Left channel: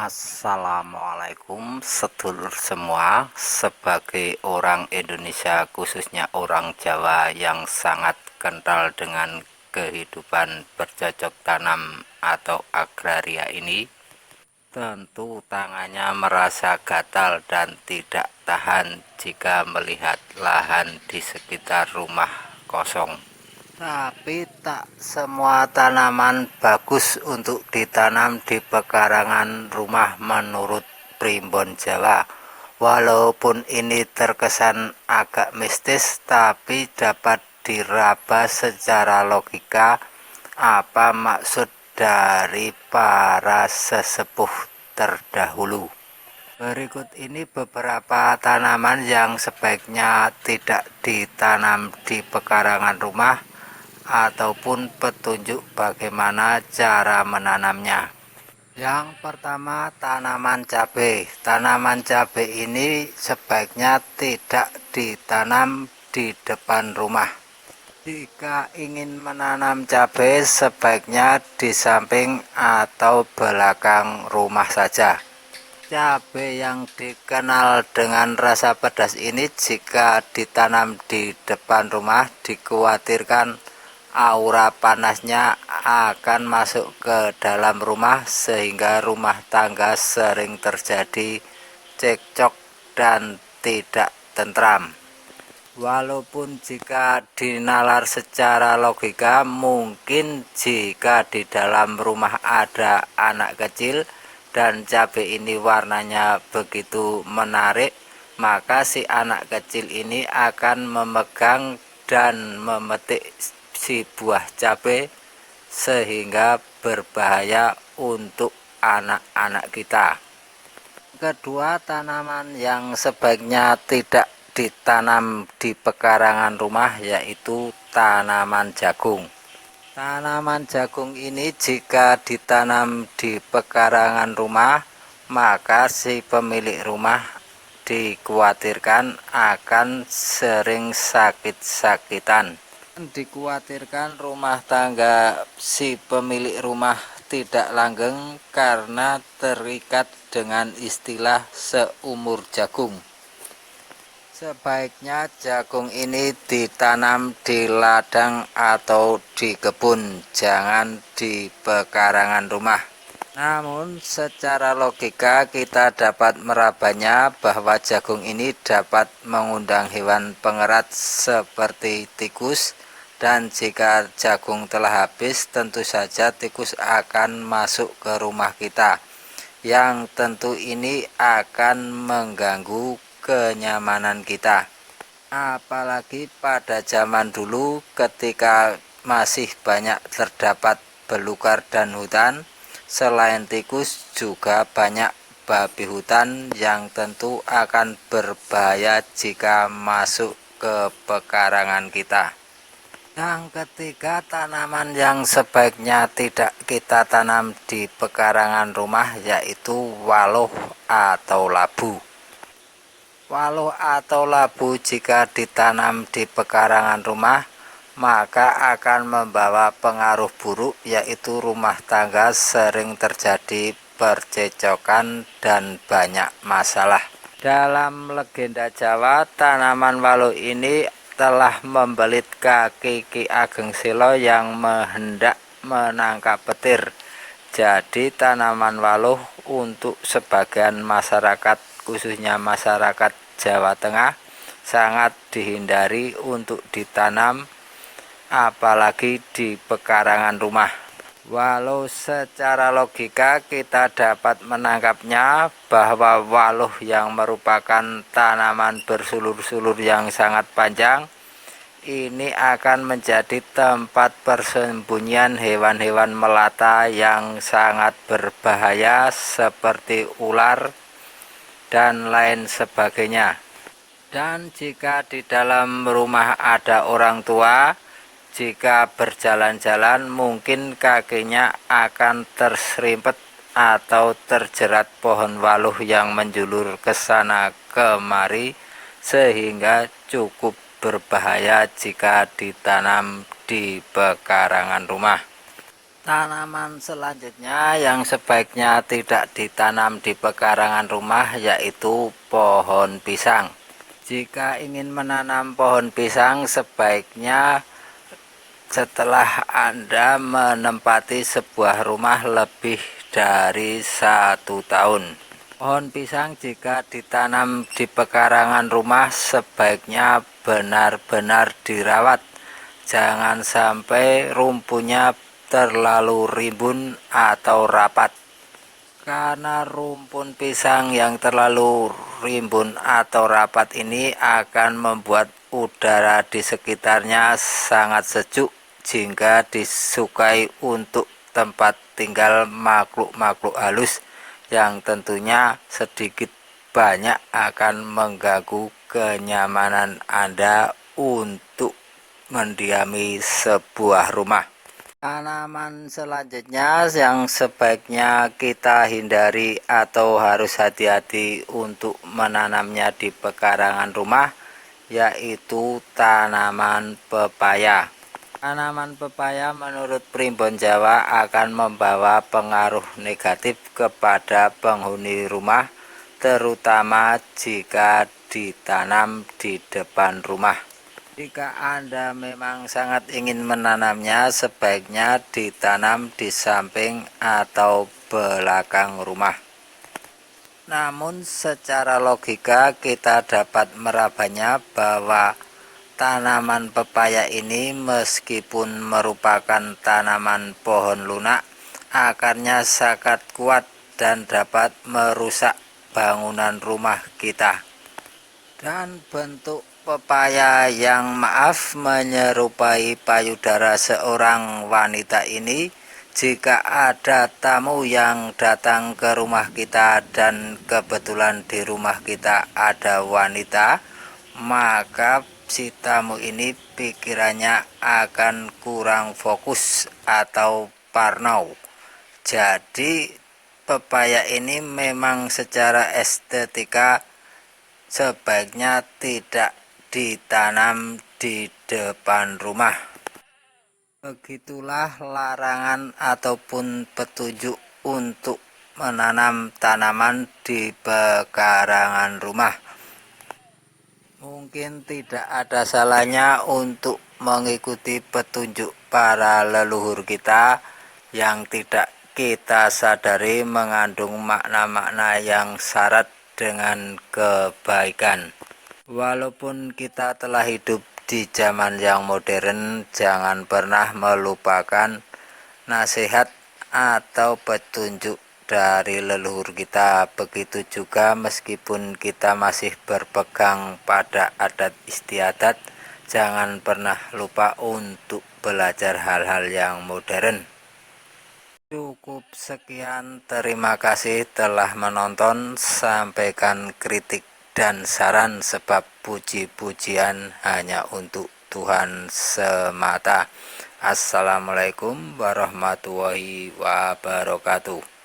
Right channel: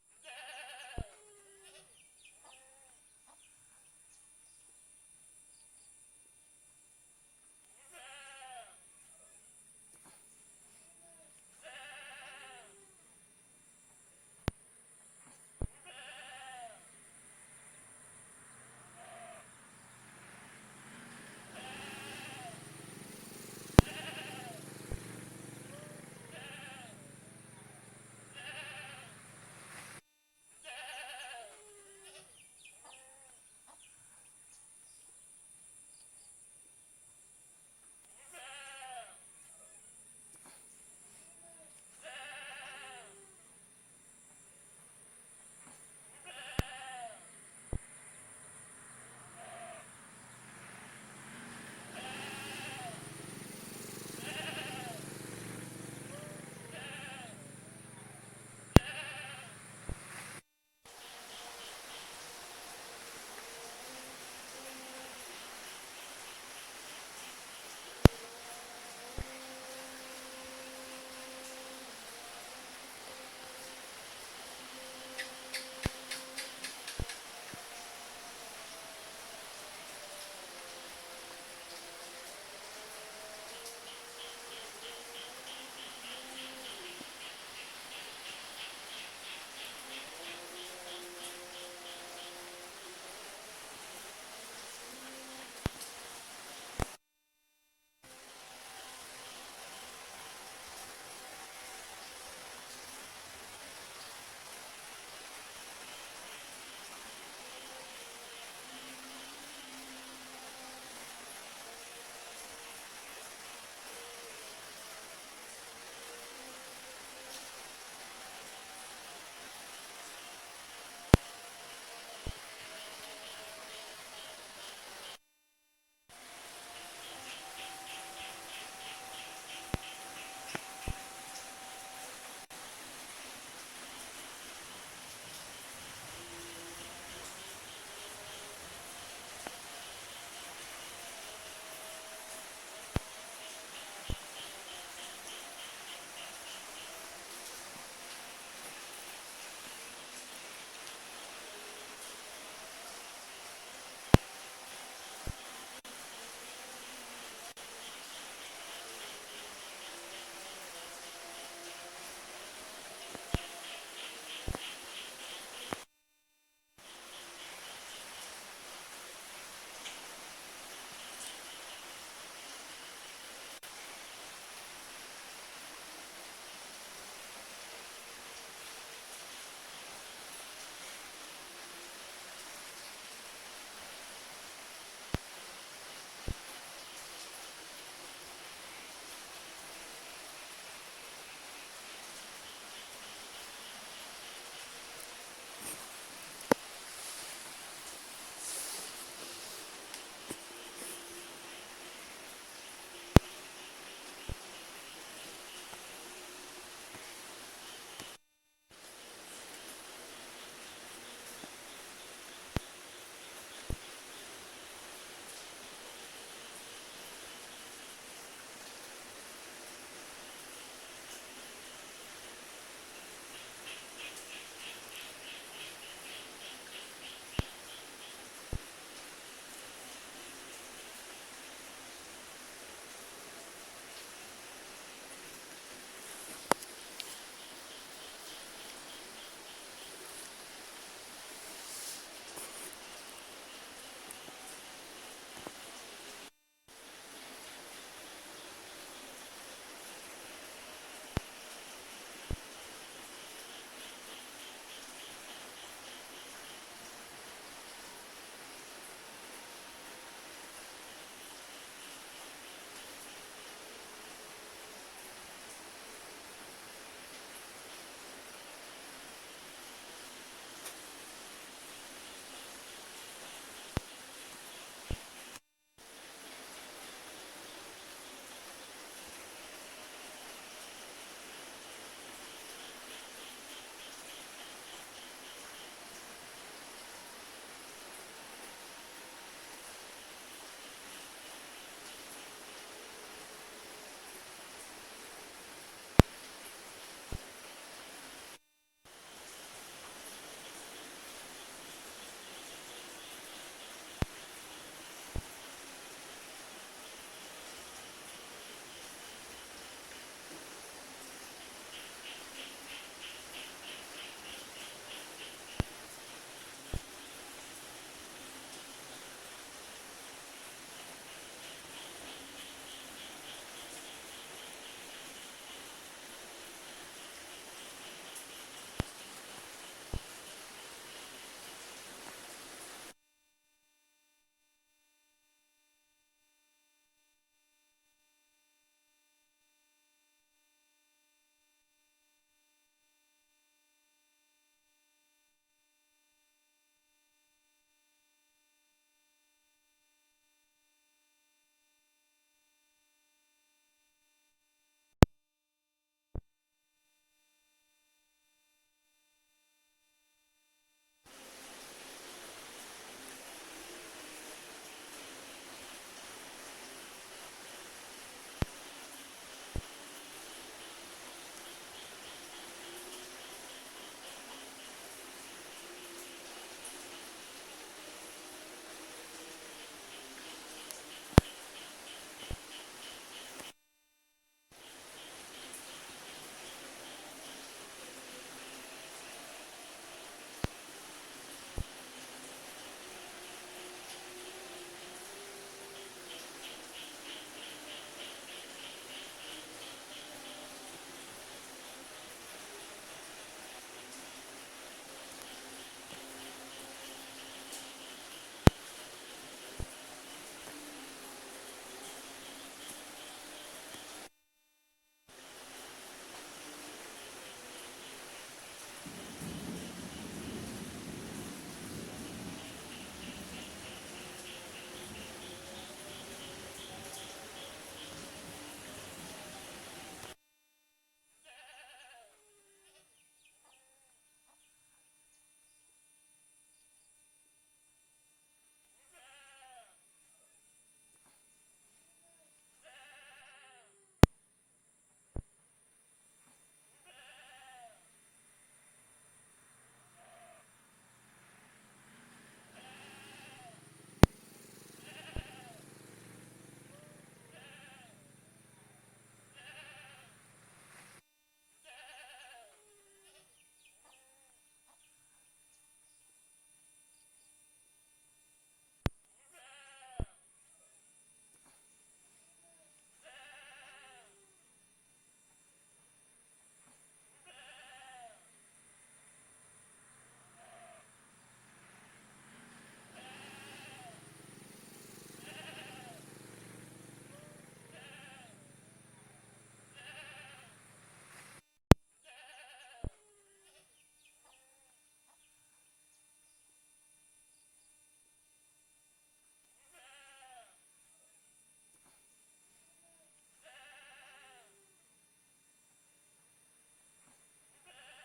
Assalamualaikum sedulur semua. Sebagai orang Indonesia, khususnya orang Jawa yang sangat kental dengan kehidupan bercocok tanam atau agraria ini, tentu tangannya merasa gatal dan tidak tahan jika melihat lahan di sekitar rumah kosong. Tapi tak semua tanaman bagus untuk ditanam di pekarangan rumah menurut Primbon Jawa. Walaupun ini terkesan agak mistis, tapi dapat diraba secara logika apa maksud dari para sesepuh terdahulu. Berikut ini beberapa tanaman yang sebaiknya tidak ditanam di pekarangan rumah ataupun petunjuk bagaimana cara menanamnya. Yang pertama, tanaman cabai. Tanaman cabai ini sebaiknya tidak ditanam di depan rumah. Jika ingin menanam cabai, sebaiknya di samping atau belakang rumah saja. Cabai yang dikenal dengan rasa pedas ini jika ditanam di depan rumah dikhawatirkan aura panasnya akan masuk ke dalam rumah sehingga rumah tangga sering terjadi cekcok dan tidak tentram. Walaupun jika dinalar secara logika, mungkin jika di dalam rumah ada anak kecil dan cabai ini warnanya begitu menarik, maka si anak kecil ini akan memegang dan memetik si buah cabai sehingga berbahaya untuk anak-anak kita. Kedua, tanaman yang sebaiknya tidak ditanam di pekarangan rumah yaitu tanaman jagung. Tanaman jagung ini jika ditanam di pekarangan rumah, maka si pemilik rumah dikhawatirkan akan sering sakit-sakitan. Dikhawatirkan rumah tangga si pemilik rumah tidak langgeng karena terikat dengan istilah seumur jagung. Sebaiknya jagung ini ditanam di ladang atau di kebun, jangan di pekarangan rumah. Namun secara logika kita dapat merabanya bahwa jagung ini dapat mengundang hewan pengerat seperti tikus, dan jika jagung telah habis tentu saja tikus akan masuk ke rumah kita, yang tentu ini akan mengganggu kenyamanan kita. Apalagi pada zaman dulu ketika masih banyak terdapat belukar dan hutan, selain tikus juga banyak babi hutan yang tentu akan berbahaya jika masuk ke pekarangan kita. Yang ketiga, tanaman yang sebaiknya tidak kita tanam di pekarangan rumah yaitu waluh atau labu. Waluh atau labu jika ditanam di pekarangan rumah maka akan membawa pengaruh buruk, yaitu rumah tangga sering terjadi percecokan dan banyak masalah. Dalam legenda Jawa, tanaman waluh ini telah membelit kaki Ki Ageng Silo yang hendak menangkap petir. Jadi tanaman waluh untuk sebagian masyarakat, khususnya masyarakat Jawa Tengah, sangat dihindari untuk ditanam apalagi di pekarangan rumah. Walau secara logika kita dapat menangkapnya bahwa waluh yang merupakan tanaman bersulur-sulur yang sangat panjang ini akan menjadi tempat persembunyian hewan-hewan melata yang sangat berbahaya seperti ular dan lain sebagainya. Dan jika di dalam rumah ada orang tua, jika berjalan-jalan mungkin kakinya akan terserimpet atau terjerat pohon waluh yang menjulur ke sana kemari, sehingga cukup berbahaya jika ditanam di pekarangan rumah. Tanaman selanjutnya yang sebaiknya tidak ditanam di pekarangan rumah yaitu pohon pisang. Jika ingin menanam pohon pisang, sebaiknya setelah Anda menempati sebuah rumah lebih dari 1 tahun. Pohon pisang jika ditanam di pekarangan rumah sebaiknya benar-benar dirawat. Jangan sampai rumputnya terlalu rimbun atau rapat. Karena rumpun pisang yang terlalu rimbun atau rapat ini akan membuat udara di sekitarnya sangat sejuk sehingga disukai untuk tempat tinggal makhluk-makhluk halus yang tentunya sedikit banyak akan mengganggu kenyamanan Anda untuk mendiami sebuah rumah. Tanaman selanjutnya yang sebaiknya kita hindari atau harus hati-hati untuk menanamnya di pekarangan rumah yaitu tanaman pepaya. Tanaman pepaya menurut Primbon Jawa akan membawa pengaruh negatif kepada penghuni rumah, terutama jika ditanam di depan rumah. Jika Anda memang sangat ingin menanamnya, sebaiknya ditanam di samping atau belakang rumah. Namun secara logika kita dapat merabanya bahwa tanaman pepaya ini meskipun merupakan tanaman pohon lunak, akarnya sangat kuat dan dapat merusak bangunan rumah kita. Dan bentuk pepaya yang menyerupai payudara seorang wanita ini, jika ada tamu yang datang ke rumah kita dan kebetulan di rumah kita ada wanita, maka si tamu ini pikirannya akan kurang fokus atau parno. Jadi pepaya ini memang secara estetika sebaiknya tidak ditanam di depan rumah. Begitulah larangan ataupun petunjuk untuk menanam tanaman di pekarangan rumah. Mungkin tidak ada salahnya untuk mengikuti petunjuk para leluhur kita yang tidak kita sadari mengandung makna-makna yang syarat dengan kebaikan. Walaupun kita telah hidup di zaman yang modern, jangan pernah melupakan nasihat atau petunjuk dari leluhur kita. Begitu juga meskipun kita masih berpegang pada adat istiadat, jangan pernah lupa untuk belajar hal-hal yang modern. Cukup sekian, terima kasih telah menonton. Sampaikan kritik dan saran sebab puji-pujian hanya untuk Tuhan semata. Assalamualaikum warahmatullahi wabarakatuh.